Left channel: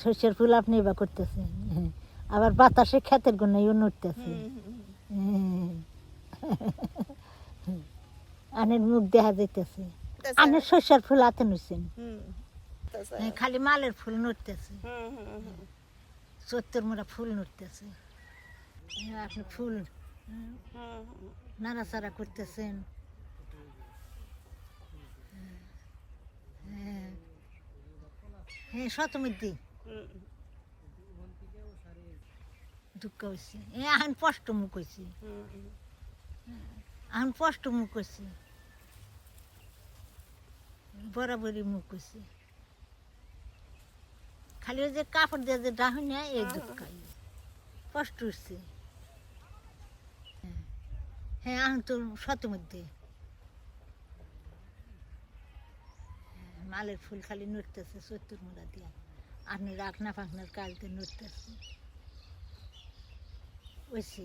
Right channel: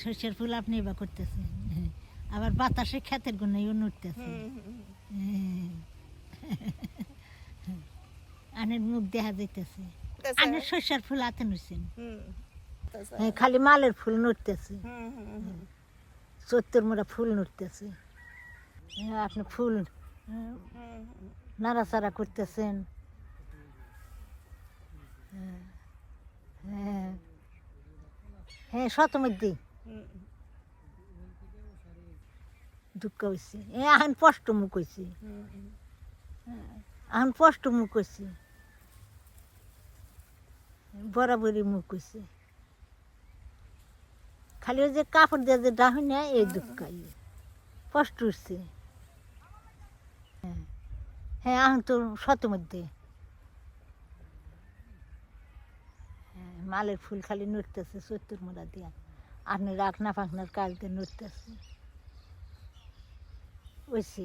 শস্যের ফুল আপনি এবার করতেছেন, আবার বাতাসে ক্ষেতের গুণাইও নড়তেছে। আনের মুখ দেখা যাইতেছে, আনের শস্যের ফুল হাতে নড়ছেন, খালি মালের ফুল নড়তেছে, চত্বর মোড়া ফুল নড়তেছে। আপনি ফুল নাড়াচাড়া করতেছেন। হ্যাঁ হ্যাঁ, শতমধ্যে দুঃখ হয়েছে, এখন স্পষ্ট মুখ হয়েছে, এখন স্পষ্ট মুখ হয়েছে, বরাবরই মুখ হয়েছে। খালি ওই যে কাপড় দিয়ে যে ডাহুন না, এই দুঃখ কষ্ট হচ্ছে। হ্যাঁ, এখন তো শতমধ্যে মালের ফুল খালি নড়তেছে চত্বর মোড়া দিয়া, আপনি রাখনা ফাঁকনার কাজ দিয়ে নড়তেছে ওইসি।